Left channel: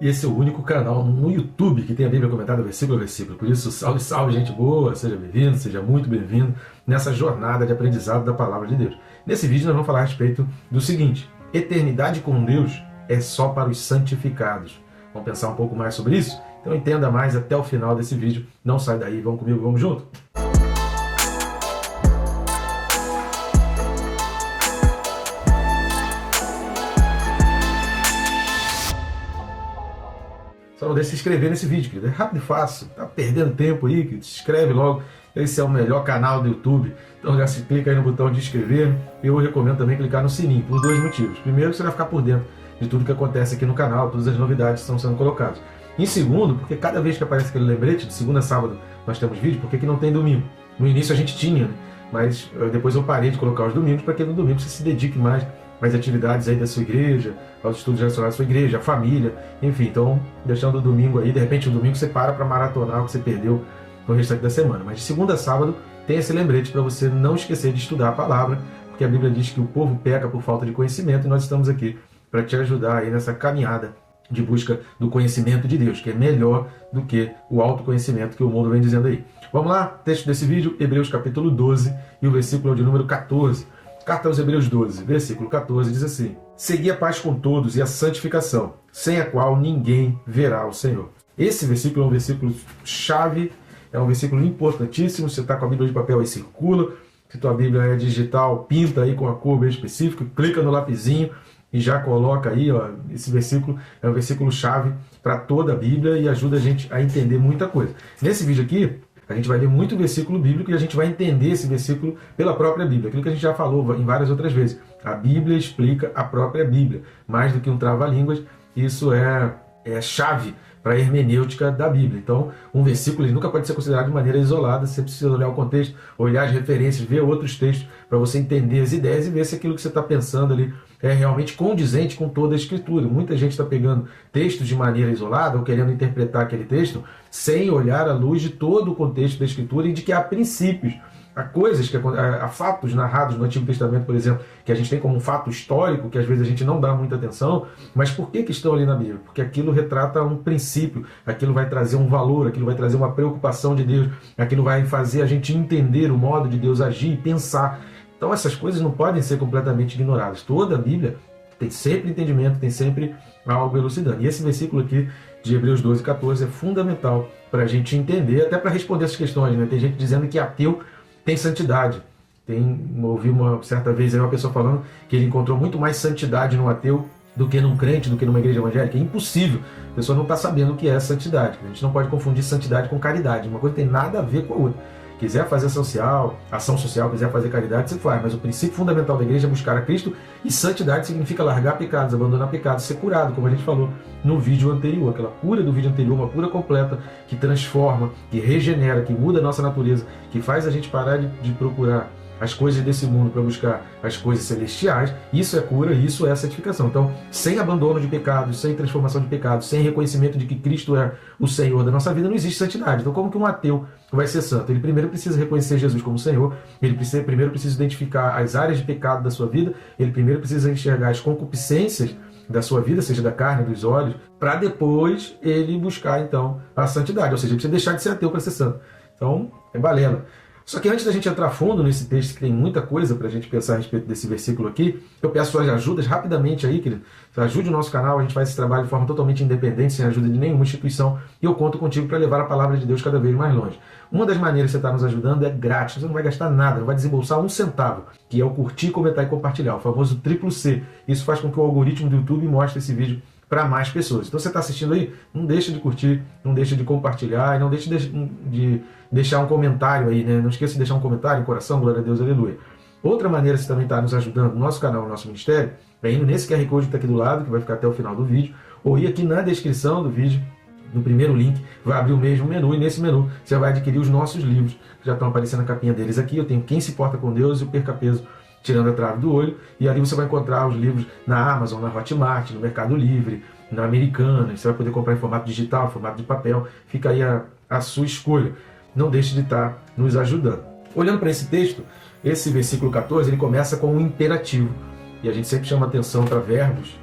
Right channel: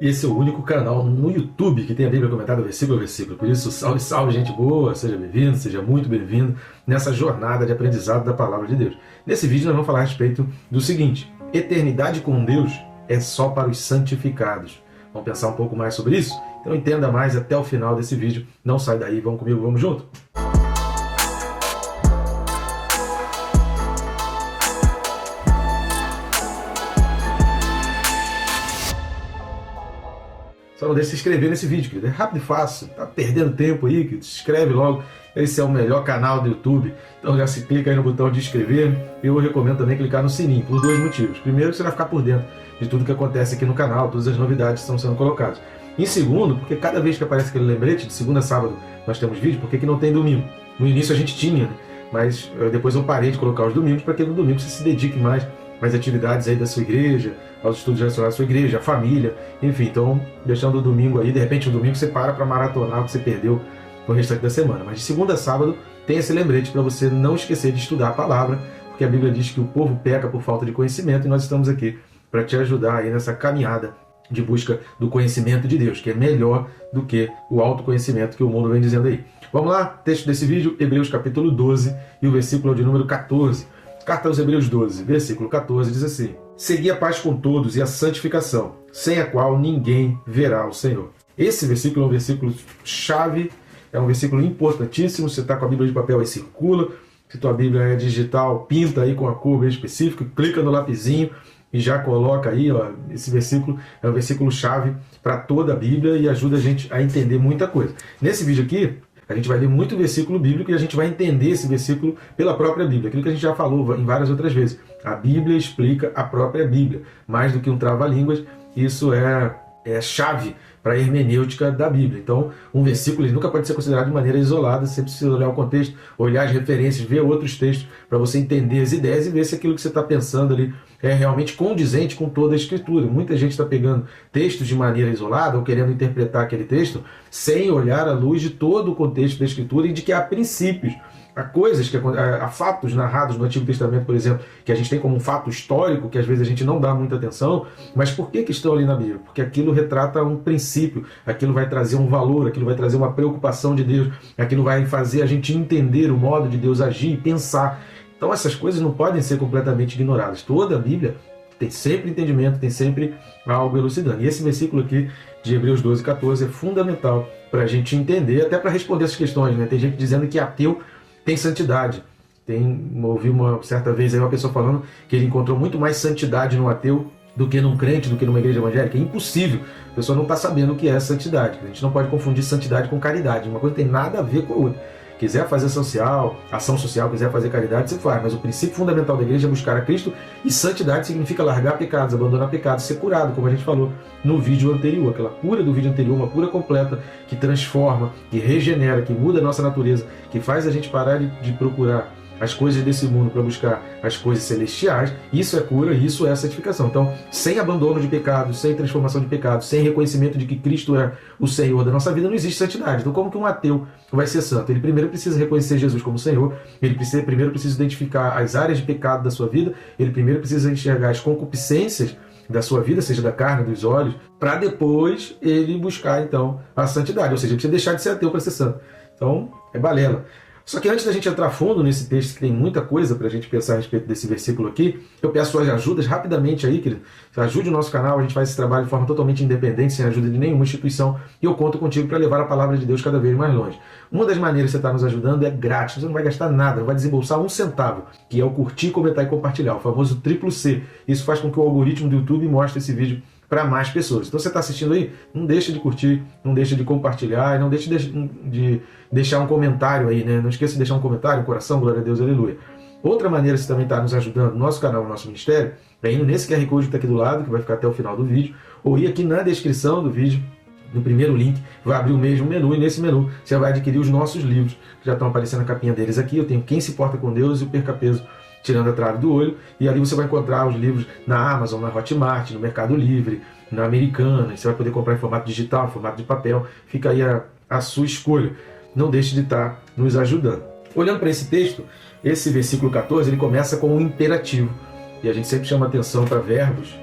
E esse é o único canal no YouTube que tem a Bíblia comentada versículo a versículo. Por isso, salve, salve, gente boa, seja bem-vindo, seja muito bem-vindo nessa jornada de aprendizado da Palavra de Deus. Nesse vídeo nós vamos falar a respeito do seguinte: eternidade com Deus é só para os santificados. Vamos pensar um pouco mais sobre isso? Então entenda mais até o final desse vídeo. Não sai daí, vamos comigo, vamos junto? Só não deixe de se inscrever nesse vídeo, querido. É rápido e fácil. Tá perdendo tempo aí, querido? Se inscreve logo. Esse é o melhor canal do YouTube. Então já se clica aí no botão de inscrever. E eu recomendo também clicar no sininho, por dois motivos. Primeiro, você vai ficar por dentro de tudo que acontece aqui no canal, todas as novidades que estão sendo colocadas. Em segundo, porque cada vez que aparece aquele lembrete, de segunda a sábado nós temos vídeo, porque que não tem domingo? No início a gente tinha, né? Mas depois eu parei de colocar os domingos, para que no domingo você se dedique mais às atividades aí da sua igreja, aos estudos relacionados à sua igreja, à família, enfim. Então, deixando o domingo aí, de repente um domingo você para maratonar o que você perdeu no restante da semana. Mas de segunda a sábado tem esse lembrete para você não esquecer de estudar a palavra, porque a Bíblia diz que o povo peca por falta de conhecimento e nós estamos aqui para te ajudar aí nessa caminhada de busca do conhecimento de Deus, que é melhor do que o autoconhecimento que o mundo vem dizendo aí. Vamos lá, texto desse vídeo, Hebreus capítulo 12 e o versículo de número 14. Carta aos Hebreus 12, versículo 14, diz assim: segui a paz com todos e a santificação, sem a qual ninguém verá o Senhor. Esse versículo é um versículo chave, é um versículo importantíssimo. Você está com a Bíblia de papel aí, circula. Se tua Bíblia é digital, pinta aí com uma cor bem específica, clica no lapisinho e já coloca aí, ó, esse versículo é um versículo chave para toda a Bíblia e ajuda a gente a entender muita coisa. Nesse vídeo aqui, a gente vai ler muito versículo bíblico e a gente vai entender esse versículo pela própria Bíblia. Aquilo que a gente já falou em várias outras vezes. A Bíblia explica a própria Bíblia. Mais do que um trava-línguas, isso é chave para a hermenêutica da Bíblia. Então, um versículo ele nunca pode ser considerado de maneira isolada. Você precisa olhar o contexto, olhar as referências, ver outros textos para você entender as ideias e ver se aquilo que você está pensando ali é realmente condizente com toda a Escritura. Muita gente está pegando textos de maneira isolada ou querendo interpretar aquele texto sem olhar à luz de todo o contexto da Escritura e de que há princípios, há coisas, há fatos narrados no Antigo Testamento, por exemplo, que a gente tem como um fato histórico, que às vezes a gente não dá muita atenção, mas por que estão ali na Bíblia? Porque aquilo retrata um princípio, aquilo vai trazer um valor, aquilo vai trazer uma preocupação de Deus, aquilo vai fazer a gente entender o modo de Deus agir e pensar. Então essas coisas não podem ser completamente ignoradas. Toda a Bíblia tem sempre entendimento, tem sempre algo elucidando. E esse versículo aqui de Hebreus 12, 14 é fundamental para a gente entender, até para responder essas questões, né? Tem gente dizendo que ateu tem santidade. Ouvi uma certa vez aí uma pessoa falando que ele encontrou muito mais santidade num ateu do que num crente, do que numa igreja evangélica. É impossível. A pessoa não está sabendo o que é santidade. A gente não pode confundir santidade com caridade. Uma coisa tem nada a ver com a outra. Quiser fazer ação social, quiser fazer caridade, você faz. Mas o princípio fundamental da igreja é buscar a Cristo, e santidade significa largar pecados, abandonar pecados, ser curado, como a gente falou no vídeo anterior. Aquela cura do vídeo anterior, uma cura completa, que transforma, que regenera, que muda a nossa natureza, que faz a gente parar de procurar as coisas desse mundo para buscar as coisas celestiais. Isso é cura, isso é santificação. Então, sem abandono de pecados, sem transformação de pecados, sem reconhecimento de que Cristo é o Senhor da nossa vida, não existe santidade. Então, como que um ateu vai ser santo? Ele primeiro precisa reconhecer Jesus como Senhor, ele primeiro precisa identificar as áreas de pecado da sua vida, ele primeiro precisa enxergar as concupiscências da sua vida, seja da carne, dos olhos, para depois ele buscar, então, a santidade. Ou seja, ele precisa deixar de ser ateu para ser santo. Então, é balela. Só que antes da gente entrar fundo nesse texto, que tem muita coisa para a gente pensar a respeito desse versículo aqui, eu peço suas ajudas rapidamente aí, querido. Ajude o nosso canal, a gente faz esse trabalho de forma totalmente independente, sem a ajuda de nenhuma instituição, e eu conto contigo para levar a palavra de Deus cada vez mais longe. Uma das maneiras que você está nos ajudando é grátis, você não vai gastar nada, não vai desembolsar um centavo, que é o curtir, comentar e compartilhar, o famoso triplo C. Isso faz com que o algoritmo do YouTube mostre esse vídeo para mais pessoas. Então você está assistindo aí, não deixa de curtir, não deixa de compartilhar e não deixa de deixar um comentário aí, né? Não esqueça de deixar um comentário, coração, glória a Deus, aleluia. Outra maneira que você também está nos ajudando no nosso canal, no nosso ministério, é indo nesse QR Code que está aqui do lado, que vai ficar até o final do vídeo, ou ir aqui na descrição do vídeo, no primeiro link, vai abrir o mesmo menu, e nesse menu você vai adquirir os nossos livros, que já estão aparecendo a capinha deles aqui. Eu tenho Quem se Importa com Deus e o Perca Peso Tirando a Trave do Olho, e ali você vai encontrar os livros na Amazon, na Hotmart, no Mercado Livre, na Americana. Você vai poder comprar em formato digital, em formato de papel, fica aí a sua escolha. Não deixe de estar nos ajudando. Olhando para esse texto, esse versículo 14, ele começa com um imperativo, e a gente sempre chama atenção para verbos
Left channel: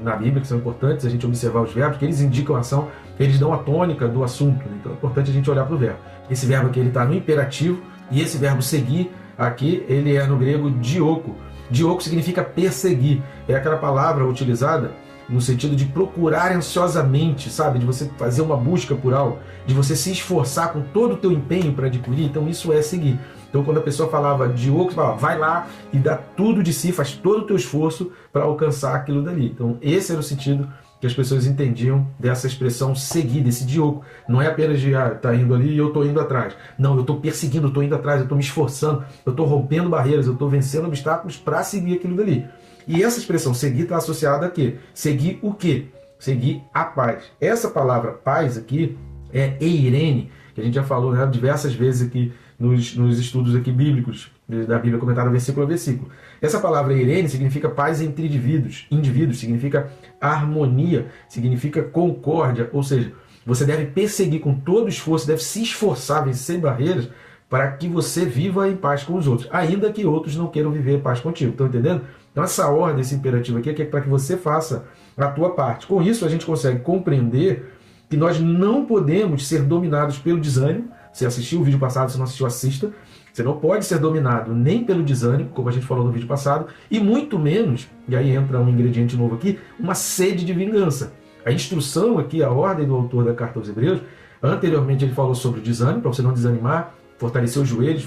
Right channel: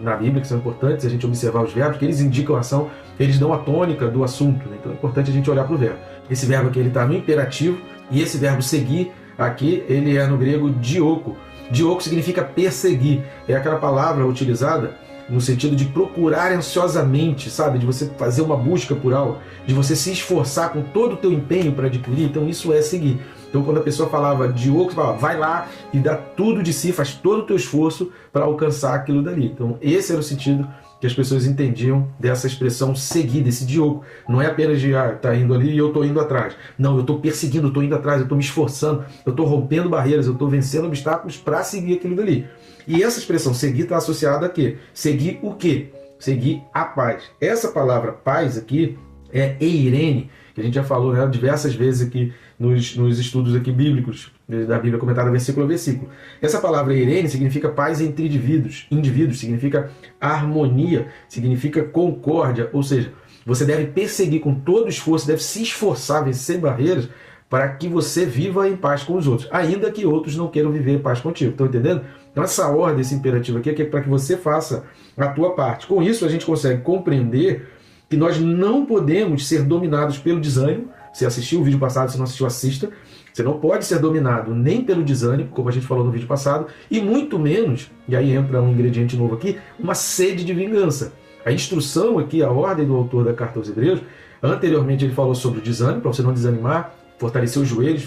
na Bíblia, que são importantes a gente observar os verbos, que eles indicam a ação, eles dão a tônica do assunto. Então é importante a gente olhar para o verbo. Esse verbo aqui está no imperativo, e esse verbo seguir aqui, ele é no grego dioko. Dioko significa perseguir. É aquela palavra utilizada no sentido de procurar ansiosamente, sabe? De você fazer uma busca por algo, de você se esforçar com todo o teu empenho para adquirir. Então isso é seguir. Então quando a pessoa falava dioko, você falava, vai lá e dá tudo de si, faz todo o teu esforço para alcançar aquilo dali. Então esse era o sentido que as pessoas entendiam dessa expressão seguir, desse dioko. Não é apenas de, tá indo ali e eu tô indo atrás. Não, eu tô perseguindo, eu tô indo atrás, eu tô me esforçando, eu tô rompendo barreiras, eu tô vencendo obstáculos para seguir aquilo dali. E essa expressão seguir está associada a quê? Seguir o quê? Seguir a paz. Essa palavra paz aqui é eirene, que a gente já falou, né, diversas vezes aqui nos estudos aqui bíblicos, da Bíblia comentada versículo a versículo. Essa palavra eirene significa paz entre indivíduos, significa harmonia, significa concórdia, ou seja, você deve perseguir com todo esforço, deve se esforçar, vencer barreiras, para que você viva em paz com os outros, ainda que outros não queiram viver em paz contigo. Estão entendendo? Então essa ordem, esse imperativo aqui é para que você faça a tua parte. Com isso a gente consegue compreender que nós não podemos ser dominados pelo desânimo. Se assistiu o vídeo passado, se não assistiu, assista. Você não pode ser dominado nem pelo desânimo, como a gente falou no vídeo passado, e muito menos, e aí entra um ingrediente novo aqui, uma sede de vingança. A instrução aqui, a ordem do autor da Carta aos Hebreus, anteriormente ele falou sobre o desânimo, para você não desanimar, fortalecer os joelhos,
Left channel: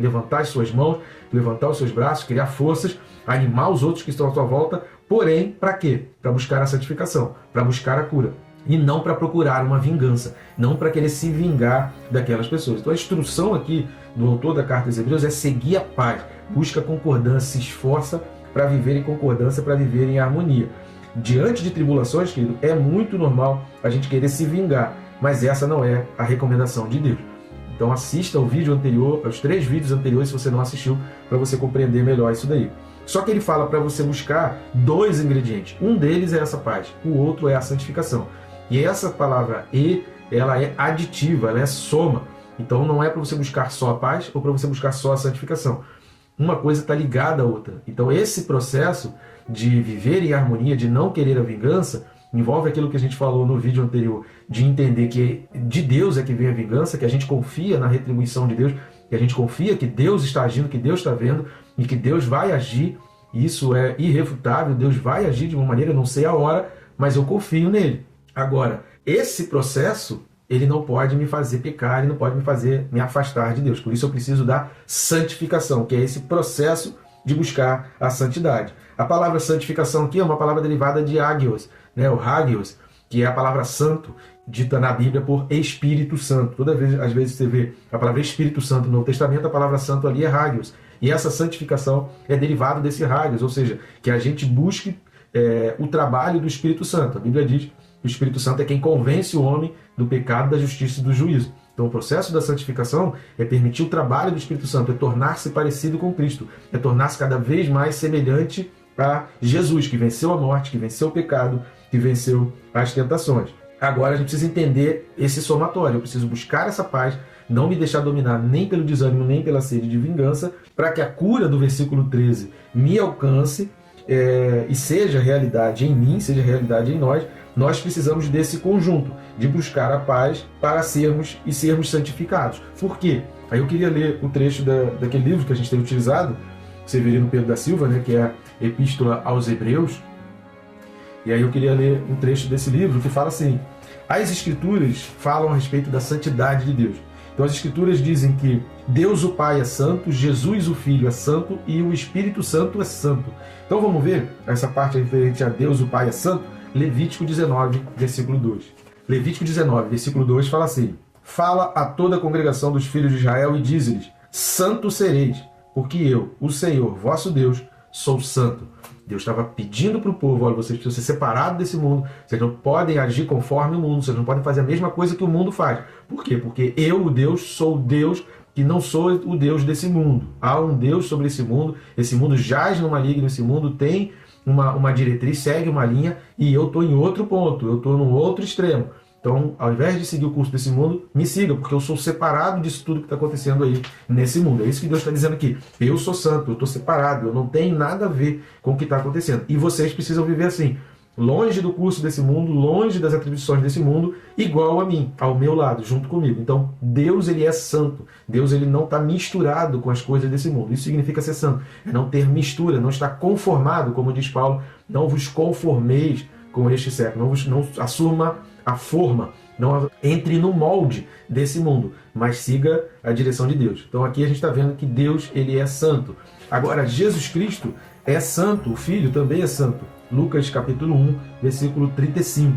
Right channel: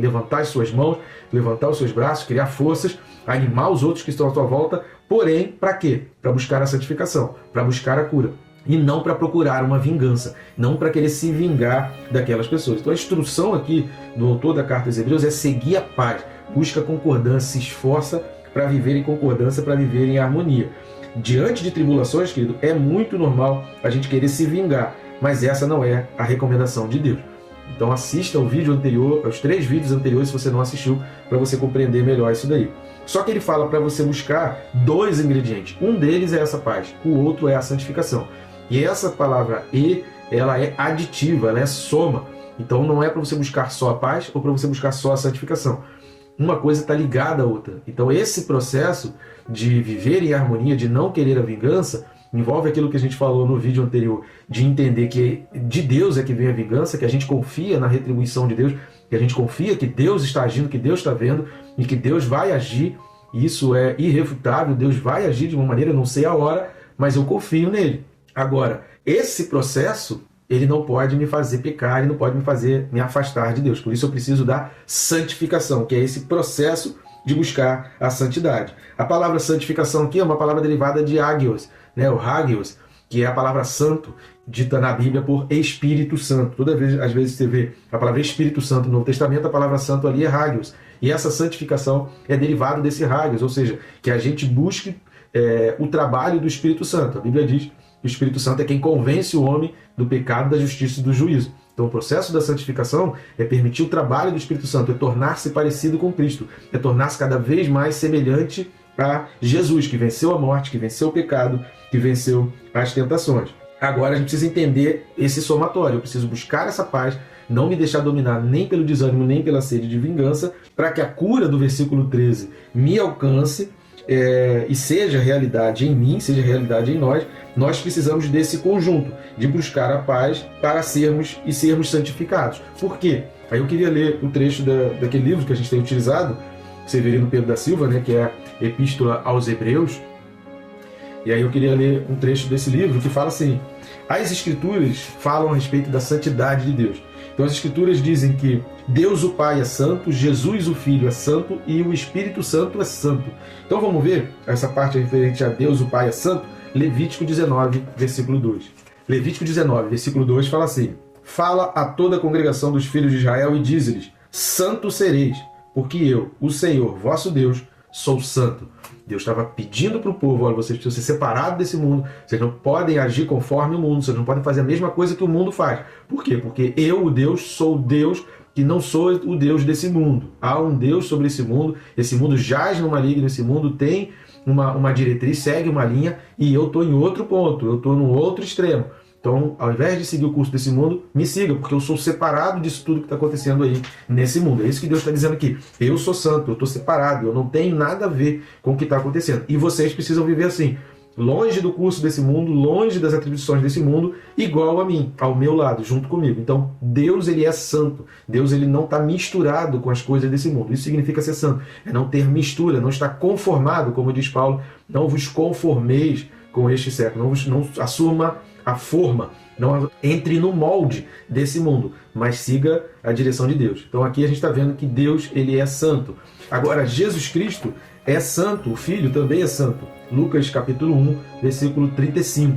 levantar as suas mãos, levantar os seus braços, criar forças, animar os outros que estão à sua volta, porém, para quê? Para buscar a santificação, para buscar a cura. E não para procurar uma vingança, não para querer se vingar daquelas pessoas. Então a instrução aqui do autor da Carta aos Hebreus é seguir a paz, busca concordância, se esforça para viver em concordância, para viver em harmonia. Diante de tribulações, querido, é muito normal a gente querer se vingar, mas essa não é a recomendação de Deus. Então assista ao vídeo anterior, aos 3 vídeos anteriores, se você não assistiu, para você compreender melhor isso daí. Só que ele fala para você buscar 2 ingredientes. Um deles é essa paz, o outro é a santificação. E essa palavra "e", ela é aditiva, ela é soma. Então não é para você buscar só a paz ou para você buscar só a santificação. Uma coisa está ligada à outra. Então esse processo de viver em harmonia, de não querer a vingança, envolve aquilo que a gente falou no vídeo anterior, de entender que de Deus é que vem a vingança, que a gente confia na retribuição de Deus, que a gente confia que Deus está agindo, que Deus está vendo e que Deus vai agir. Isso é irrefutável, Deus vai agir de uma maneira, não sei a hora, mas eu confio nele. Agora, esse processo, ele não pode me fazer pecar, ele não pode me fazer me afastar de Deus. Por isso eu preciso da santificação, que é esse processo de buscar a santidade. A palavra santificação aqui é uma palavra derivada de hagios, né? O hagios, que é a palavra santo, dita na Bíblia por Espírito Santo. Toda vez, às vezes você vê a palavra Espírito Santo no Novo Testamento, a palavra santo ali é hagios. E essa santificação é derivada desse hagios, ou seja, que a gente busque o trabalho do Espírito Santo. A Bíblia diz que o Espírito Santo é quem convence o homem do pecado, da justiça e do juízo. Então o processo da santificação é permitir o trabalho do Espírito Santo, é tornar-se parecido com Cristo, é tornar-se cada vez mais semelhante a Jesus, que venceu a morte, que venceu o pecado, que venceu as tentações. Agora a gente precisa entender esse somatório, eu preciso buscar essa paz, não me deixar dominar nem pelo desânimo, nem pela sede de vingança, para que a cura do versículo 13 me alcance e seja realidade em mim, seja realidade em nós. Nós precisamos desse conjunto, de buscar a paz para sermos santificados. Por quê? Aí eu queria ler o trecho daquele livro que a gente tem utilizado, Severino Pedro da Silva, né, que é a Epístola aos Hebreus. E aí eu queria ler um trecho desse livro que fala assim: as Escrituras falam a respeito da santidade de Deus. Então as Escrituras dizem que Deus o Pai é santo, Jesus o Filho é santo e o Espírito Santo é santo. Então vamos ver essa parte referente a Deus o Pai é santo? Levítico 19, versículo 2. Levítico 19, versículo 2 fala assim: fala a toda a congregação dos filhos de Israel e diz-lhes: santo sereis, porque eu, o Senhor, vosso Deus, sou santo. Deus estava pedindo para o povo: olha, vocês precisam ser separados desse mundo, vocês não podem agir conforme o mundo, vocês não podem fazer a mesma coisa que o mundo faz. Por quê? Porque eu, o Deus, sou Deus que não sou o Deus desse mundo. Há um Deus sobre esse mundo jaz no maligno, esse mundo tem uma diretriz, segue uma linha, e eu estou em outro ponto, eu estou no outro extremo. Então, ao invés de seguir o curso desse mundo, me siga, porque eu sou separado disso tudo que está acontecendo aí nesse mundo. É isso que Deus está dizendo aqui. Eu sou santo, eu estou separado, eu não tenho nada a ver com o que está acontecendo. E vocês precisam viver assim, longe do curso desse mundo, longe das atribuições desse mundo, igual a mim, ao meu lado, junto comigo. Então, Deus, ele é santo. Deus, ele não está misturado com as coisas desse mundo. Isso significa ser santo. É não ter mistura, não estar conformado, como diz Paulo, não vos conformeis com este século, não assuma a forma, não entre no molde desse mundo, mas siga a direção de Deus. Então aqui a gente está vendo que Deus, ele é santo. Agora, Jesus Cristo é santo, o Filho também é santo. Lucas capítulo 1, versículo 35.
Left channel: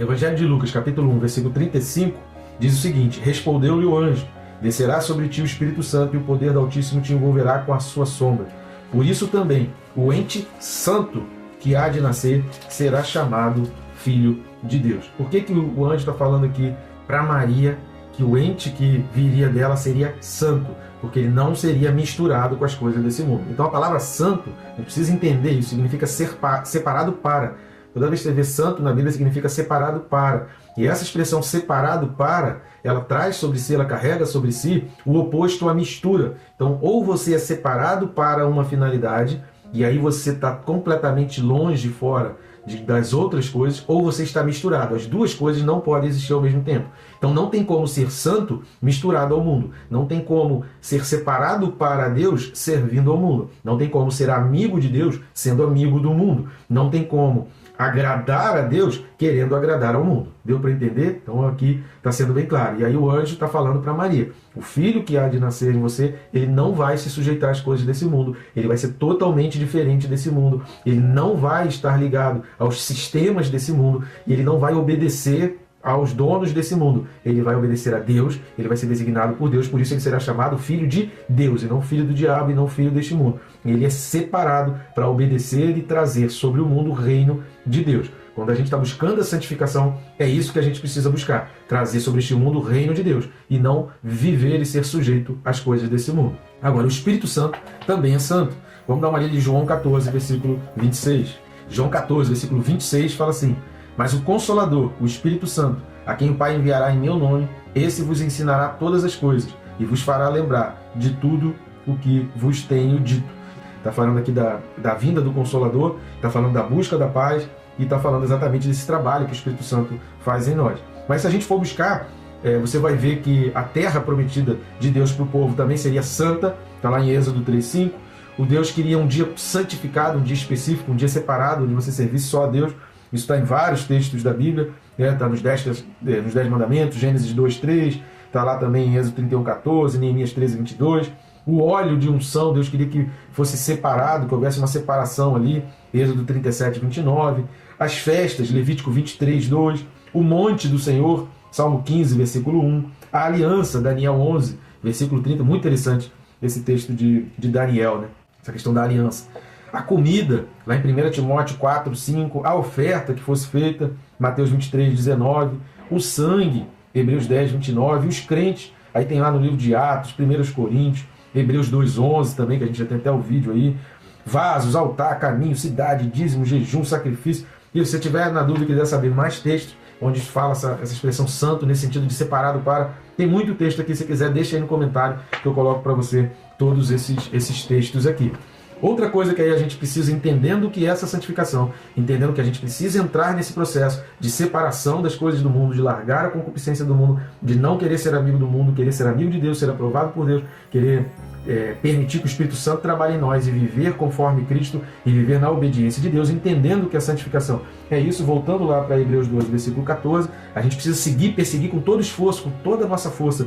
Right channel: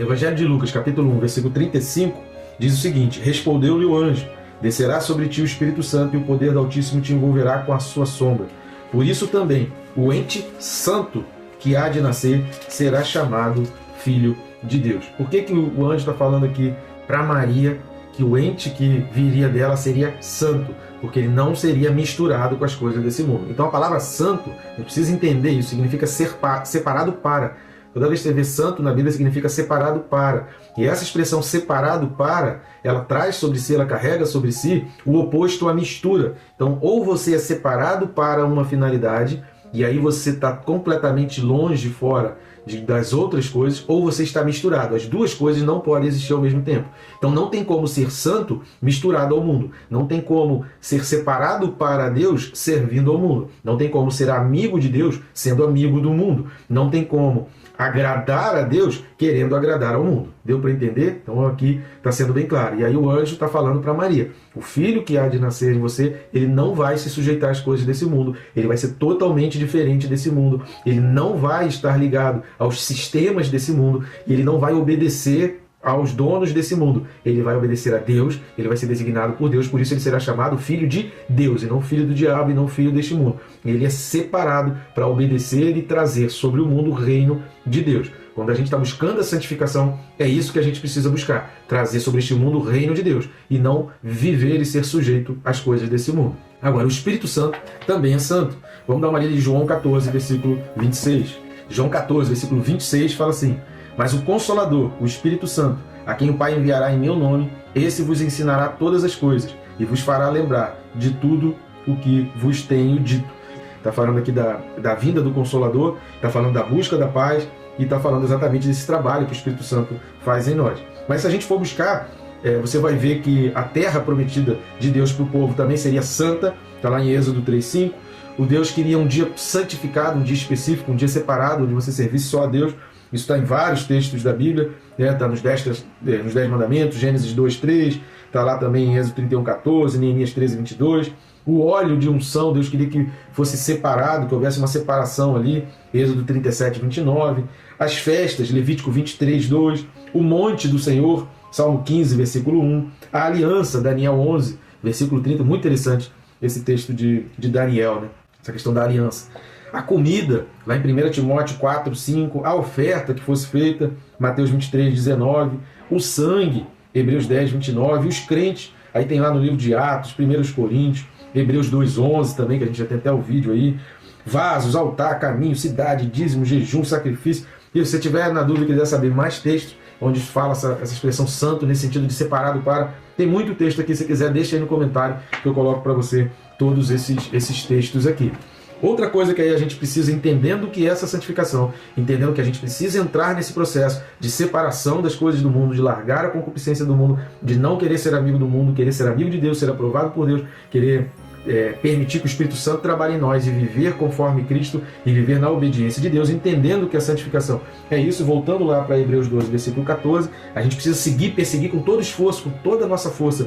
Evangelho de Lucas capítulo 1, versículo 35, diz o seguinte: respondeu-lhe o anjo, descerá sobre ti o Espírito Santo e o poder do Altíssimo te envolverá com a sua sombra. Por isso também o ente santo que há de nascer será chamado Filho de Deus. Por que o anjo está falando aqui para Maria que o ente que viria dela seria santo? Porque ele não seria misturado com as coisas desse mundo. Então a palavra santo, eu preciso entender isso, significa separado para. Toda vez que você vê santo na Bíblia significa separado para. E essa expressão separado para, ela traz sobre si, ela carrega sobre si o oposto à mistura. Então ou você é separado para uma finalidade, e aí você está completamente longe, fora das outras coisas, ou você está misturado. As duas coisas não podem existir ao mesmo tempo. Então não tem como ser santo misturado ao mundo. Não tem como ser separado para Deus servindo ao mundo. Não tem como ser amigo de Deus sendo amigo do mundo. Não tem como agradar a Deus querendo agradar ao mundo. Deu para entender? Então aqui está sendo bem claro. E aí o anjo está falando para Maria: o filho que há de nascer em você, ele não vai se sujeitar às coisas desse mundo. Ele vai ser totalmente diferente desse mundo. Ele não vai estar ligado aos sistemas desse mundo. E ele não vai obedecer aos donos desse mundo. Ele vai obedecer a Deus, ele vai ser designado por Deus, por isso ele será chamado filho de Deus, e não filho do diabo, e não filho deste mundo. Ele é separado para obedecer e trazer sobre o mundo o reino de Deus. Quando a gente está buscando a santificação, é isso que a gente precisa buscar. Trazer sobre este mundo o reino de Deus, e não viver e ser sujeito às coisas desse mundo. Agora, o Espírito Santo também é santo. Vamos dar uma lida de João 14, versículo 26. João 14, versículo 26 fala assim: mas o Consolador, o Espírito Santo, a quem o Pai enviará em meu nome, esse vos ensinará todas as coisas e vos fará lembrar de tudo o que vos tenho dito. Está falando aqui da vinda do Consolador, está falando da busca da paz e está falando exatamente desse trabalho que o Espírito Santo faz em nós. Mas se a gente for buscar, você vai ver que a terra prometida de Deus para o povo também seria santa. Está lá em Êxodo 3:5. O Deus queria um dia santificado, um dia específico, um dia separado, onde você servisse só a Deus. Isso está em vários textos da Bíblia, está nos 10 mandamentos, Gênesis 2:3, está lá também em Êxodo 31:14, Neemias 13:22. O óleo de unção, Deus queria que fosse separado, que houvesse uma separação ali, Êxodo 37:29. As festas, Levítico 23:2. O monte do Senhor, Salmo 15, versículo 1. A aliança, Daniel 11, versículo 30. Muito interessante esse texto de Daniel, né? Essa questão da aliança. A comida, lá em 1 Timóteo 4:5, a oferta que fosse feita, Mateus 23:19, o sangue, Hebreus 10:29, os crentes, aí tem lá no livro de Atos, 1 Coríntios, Hebreus 2:11 também, que a gente já tem até o vídeo aí, vasos, altar, caminho, cidade, dízimo, jejum, sacrifício. E se você tiver na dúvida e quiser saber mais textos, onde fala essa expressão santo, nesse sentido de separado para, tem muito texto aqui, se quiser deixa aí no comentário que eu coloco para você todos esses textos aqui. Outra coisa que aí a gente precisa, entendendo que essa santificação, entendendo que a gente precisa entrar nesse processo de separação das coisas do mundo, de largar a concupiscência do mundo, de não querer ser amigo do mundo, querer ser amigo de Deus, ser aprovado por Deus, querer permitir que o Espírito Santo trabalhe em nós e viver conforme Cristo e viver na obediência de Deus, entendendo que a santificação é isso. Voltando lá para Hebreus 12, versículo 14, a gente precisa perseguir com todo esforço, com toda a nossa força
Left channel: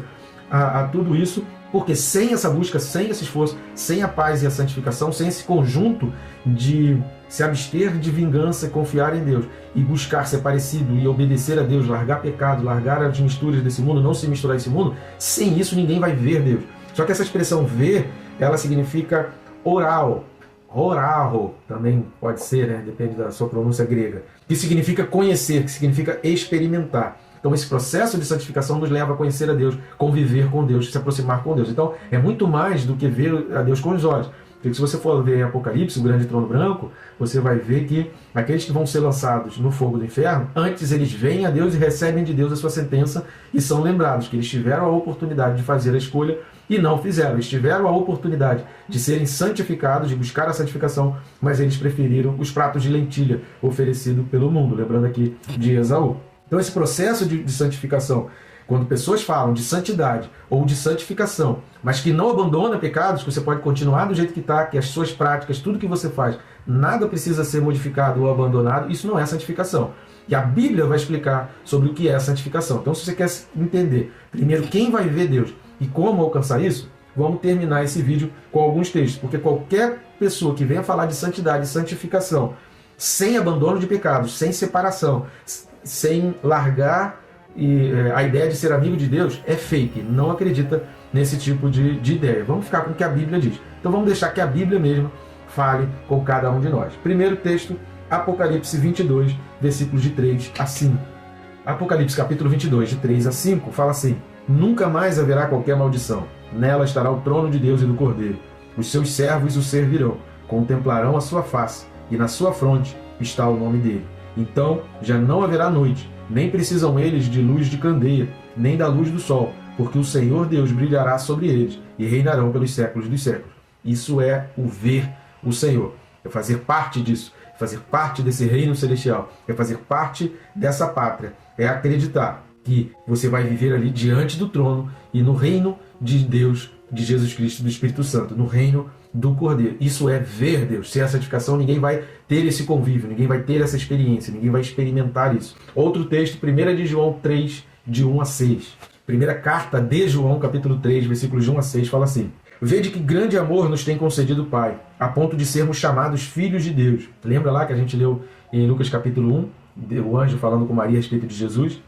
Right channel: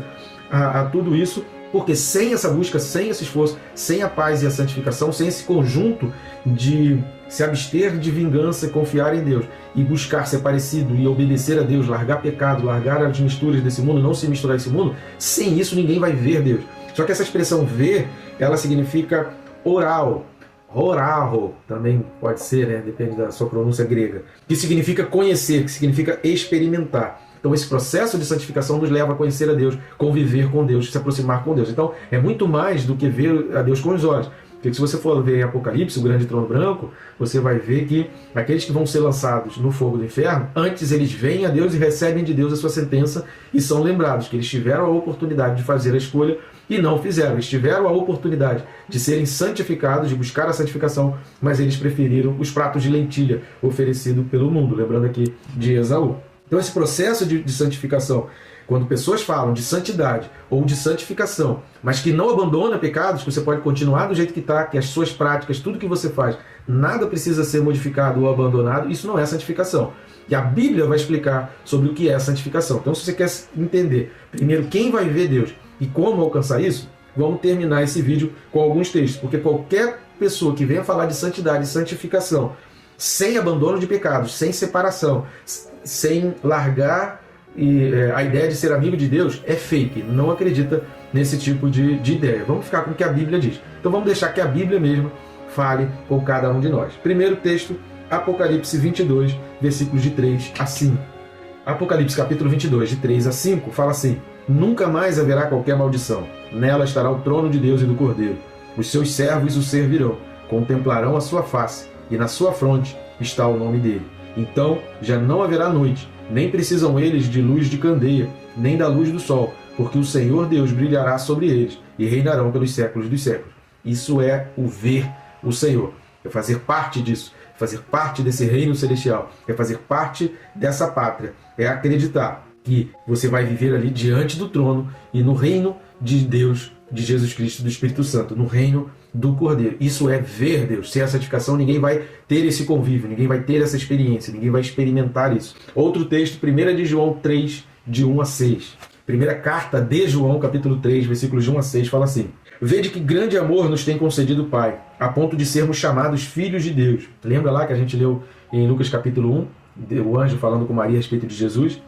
a tudo isso, porque sem essa busca, sem esse esforço, sem a paz e a santificação, sem esse conjunto de se abster de vingança, confiar em Deus e buscar ser parecido e obedecer a Deus, largar pecado, largar as misturas desse mundo, não se misturar esse mundo, sem isso ninguém vai ver Deus. Só que essa expressão ver, ela significa oral, orarro, também pode ser, né? Depende da sua pronúncia grega, que significa conhecer, que significa experimentar. Então esse processo de santificação nos leva a conhecer a Deus, conviver com Deus, se aproximar com Deus. Então é muito mais do que ver a Deus com os olhos. Porque se você for ver em Apocalipse, o grande trono branco, você vai ver que aqueles que vão ser lançados no fogo do inferno, antes eles veem a Deus e recebem de Deus a sua sentença e são lembrados que eles tiveram a oportunidade de fazer a escolha e não fizeram. Eles tiveram a oportunidade de serem santificados, de buscar a santificação, mas eles preferiram os pratos de lentilha oferecidos pelo mundo, lembrando aqui de Esaú. Então esse processo de santificação, quando pessoas falam de santidade ou de santificação, mas que não abandona pecados, que você pode continuar do jeito que está, que as suas práticas, tudo que você faz, nada precisa ser modificado ou abandonado, isso não é santificação. E a Bíblia vai explicar sobre o que é a santificação. Então, se você quer entender primeiro quem vai ver Deus e como alcançar isso, vamos terminar esse vídeo com alguns textos, porque qualquer pessoa que venha falar de santidade e santificação, sem abandono de pecados, sem separação, sem largar a ideia de ser amigo de Deus, é fake, não acredita nesse tipo de ideia. Vamos ficar com o que a Bíblia diz. Então vamos deixar que a Bíblia mesmo fale com cada um de nós. Primeiro texto, Apocalipse 22, versículos de 3 a 5. Apocalipse capítulo 22, de 3 a 5, fala assim: nunca mais haverá qualquer maldição. Nela estará o trono de Deus e do Cordeiro. Os seus servos o servirão, contemplarão a sua face, e na sua fronte está o nome dele. Então já não haverá noite, nem precisam eles de luz de candeia, nem da luz do sol, porque o Senhor Deus brilhará sobre eles, e reinarão pelos séculos dos séculos. Isso é o ver o Senhor, é fazer parte disso, fazer parte desse reino celestial, é fazer parte dessa pátria, é acreditar que você vai viver ali diante do trono e no reino de Deus, de Jesus Cristo, do Espírito Santo, no reino do Cordeiro. Isso é ver Deus. Sem a santificação, ninguém vai ter esse convívio, ninguém vai ter essa experiência, ninguém vai experimentar isso. Outro texto, 1 de João 3, de 1 a 6. Primeira carta de João, capítulo 3, versículos de 1 a 6, fala assim: vede que grande amor nos tem concedido o Pai, a ponto de sermos chamados filhos de Deus. Lembra lá que a gente leu em Lucas capítulo 1, o anjo falando com Maria a respeito de Jesus?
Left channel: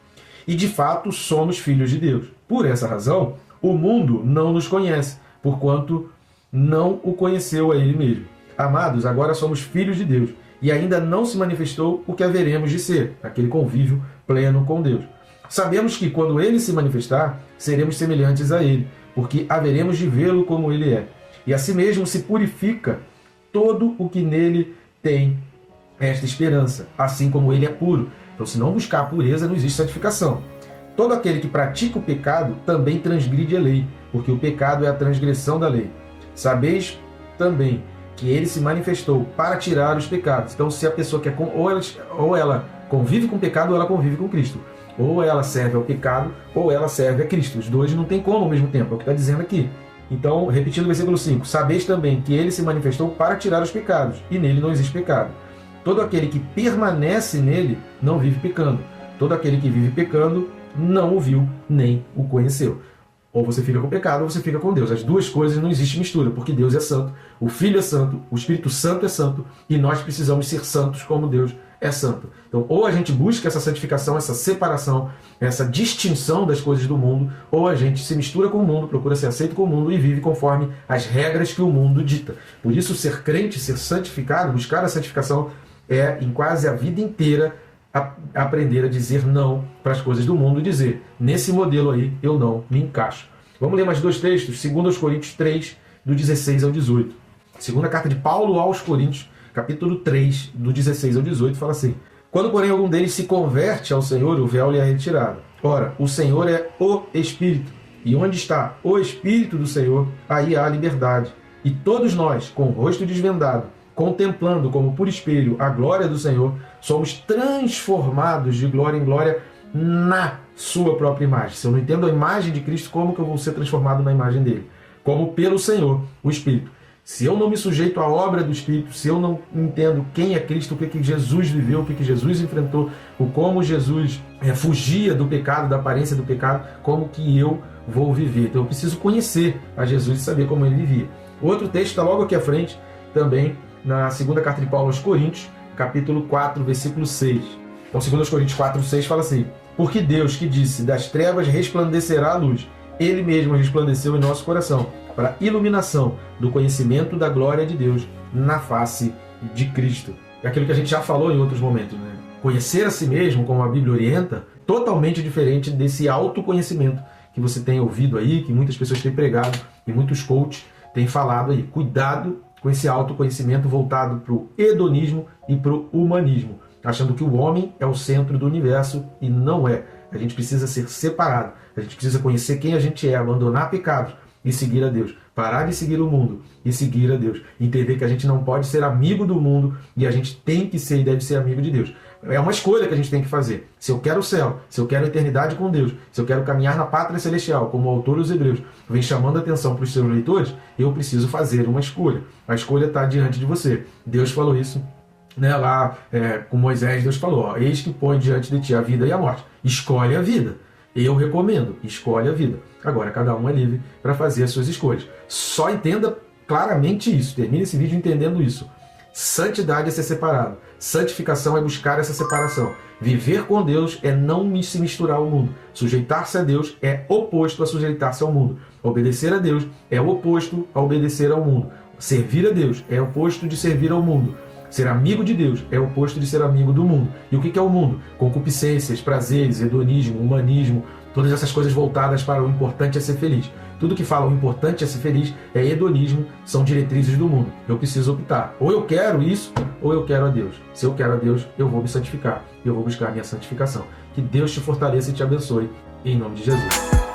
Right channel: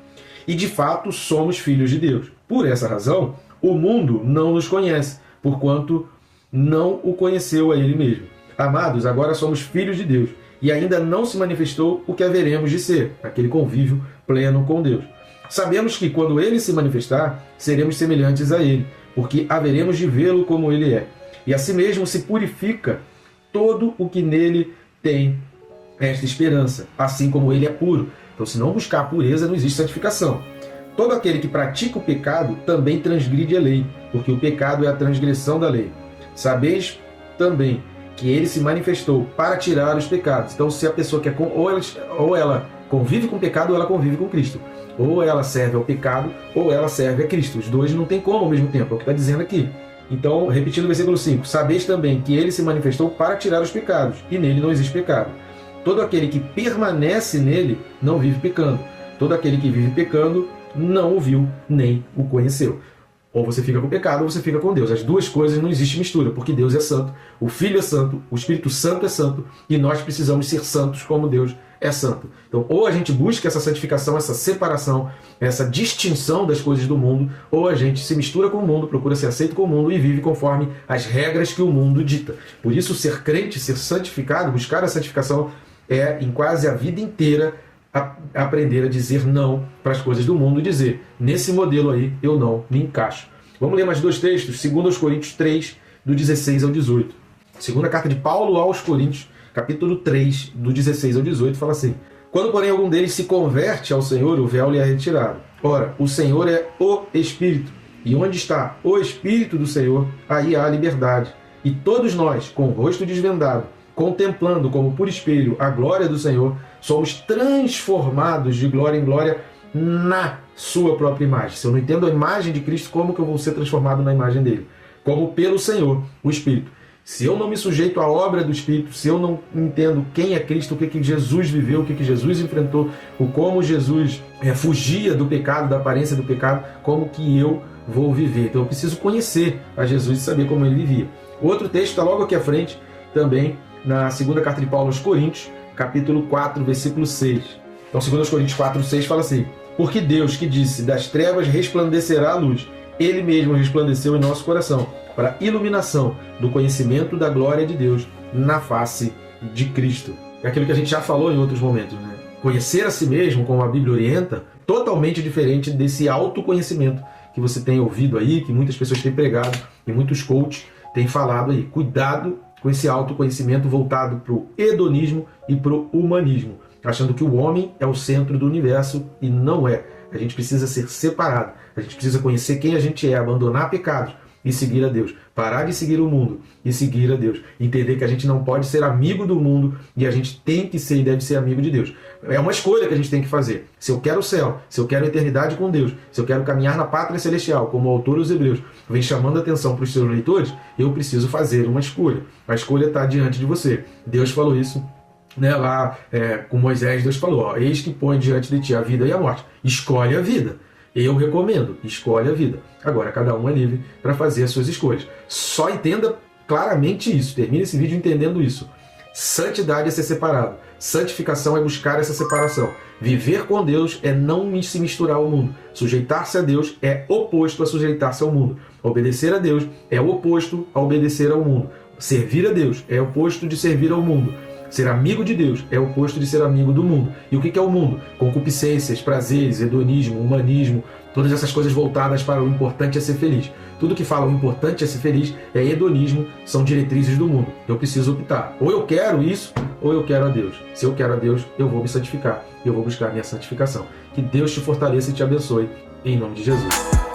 E de fato somos filhos de Deus. Por essa razão, o mundo não nos conhece, porquanto não o conheceu a ele mesmo. Amados, agora somos filhos de Deus, e ainda não se manifestou o que haveremos de ser, aquele convívio pleno com Deus. Sabemos que quando ele se manifestar, seremos semelhantes a ele, porque haveremos de vê-lo como ele é. E assim mesmo se purifica todo o que nele tem esta esperança, assim como ele é puro. Então, se não buscar a pureza, não existe santificação. Todo aquele que pratica o pecado também transgride a lei, porque o pecado é a transgressão da lei. Sabeis também que ele se manifestou para tirar os pecados. Então, se a pessoa quer, ou ela convive com o pecado, ou ela convive com Cristo. Ou ela serve ao pecado, ou ela serve a Cristo. Os dois não tem como ao mesmo tempo, é o que está dizendo aqui. Então, repetindo o versículo 5, sabeis também que ele se manifestou para tirar os pecados, e nele não existe pecado. Todo aquele que permanece nele não vive pecando. Todo aquele que vive pecando não o viu nem o conheceu. Ou você fica com pecado, ou você fica com Deus. As duas coisas não existe mistura, porque Deus é santo, o Filho é santo, o Espírito Santo é santo, e nós precisamos ser santos como Deus é santo. Então, ou a gente busca essa santificação, essa separação, essa distinção das coisas do mundo, ou a gente se mistura com o mundo, procura ser aceito com o mundo e vive conforme as regras que o mundo dita. Por isso, ser crente, ser santificado, buscar a santificação é, em quase a vida inteira, aprender a dizer não para as coisas do mundo e dizer, nesse modelo aí, eu não me encaixo. Vamos ler mais dois textos, 2 Coríntios 3, do 16 ao 18. Segunda carta de Paulo aos Coríntios, capítulo 3, do 16 ao 18, fala assim: quando, porém, algum deles se converte ao Senhor, o véu lhe é retirado. Ora, o Senhor é o Espírito, e onde está o Espírito do Senhor, aí há a liberdade. E todos nós, com o rosto desvendado, contemplando como por espelho a glória do Senhor, somos transformados de glória em glória na sua própria imagem. Se eu não entendo a imagem de Cristo, como que eu vou ser transformado na imagem dele? Como pelo Senhor, o Espírito. Se eu não me sujeito à obra do Espírito, se eu não entendo quem é Cristo, o que Jesus viveu, o que Jesus enfrentou, o como Jesus fugia do pecado, da aparência do pecado, como que eu vou viver? Então eu preciso conhecer a Jesus e saber como ele vivia. Outro texto está logo aqui à frente, também na segunda carta de Paulo aos Coríntios, capítulo 4, versículo 6. Então, 2 Coríntios 4, 6 fala assim: porque Deus, que disse, das trevas resplandecerá a luz, ele mesmo resplandeceu em nosso coração, para a iluminação do conhecimento da glória de Deus na face de Cristo. É aquilo que a gente já falou em outros momentos, né? Conhecer a si mesmo, como a Bíblia orienta, totalmente diferente desse autoconhecimento que você tem ouvido aí, que muitas pessoas têm pregado e muitos coaches têm falado aí. Cuidado com esse autoconhecimento voltado para o hedonismo e para o humanismo, achando que o homem é o centro do universo e não é. A gente precisa ser separado, a gente precisa conhecer quem a gente é, abandonar pecados e seguir a Deus. Parar de seguir o mundo e seguir a Deus. Entender que a gente não pode ser amigo do mundo e a gente tem que ser e deve ser amigo de Deus. É uma escolha que a gente tem que fazer. Se eu quero o céu, se eu quero a eternidade com Deus, se eu quero caminhar na pátria celestial, como o autor dos Hebreus vem chamando a atenção para os seus leitores, eu preciso fazer uma escolha. A escolha está diante de você. Deus falou isso, né, lá com Moisés. Deus falou, ó, eis que põe diante de ti a vida e a morte. Escolhe a vida. Eu recomendo, escolhe a vida. Agora, cada um é livre para fazer as suas escolhas. Só entenda claramente isso. Termine esse vídeo entendendo isso. Santidade é ser separado. Santificação é buscar essa separação. Viver com Deus é não se misturar ao mundo. Sujeitar-se a Deus é oposto a sujeitar-se ao mundo. Obedecer a Deus é oposto a obedecer ao mundo. Servir a Deus é oposto de servir ao mundo. Ser amigo de Deus é oposto de ser amigo do mundo. E o que é o mundo? Concupiscências, prazeres, hedonismo, humanismo, todas essas coisas voltadas para o importante é ser feliz. Tudo que fala o importante é ser feliz é hedonismo, são diretrizes do mundo. Eu preciso optar. Ou eu quero isso, ou eu quero a Deus. Se eu quero a Deus, eu vou me santificar. Eu vou buscar a minha santificação. Que Deus te fortaleça e te abençoe. Em nome de Jesus.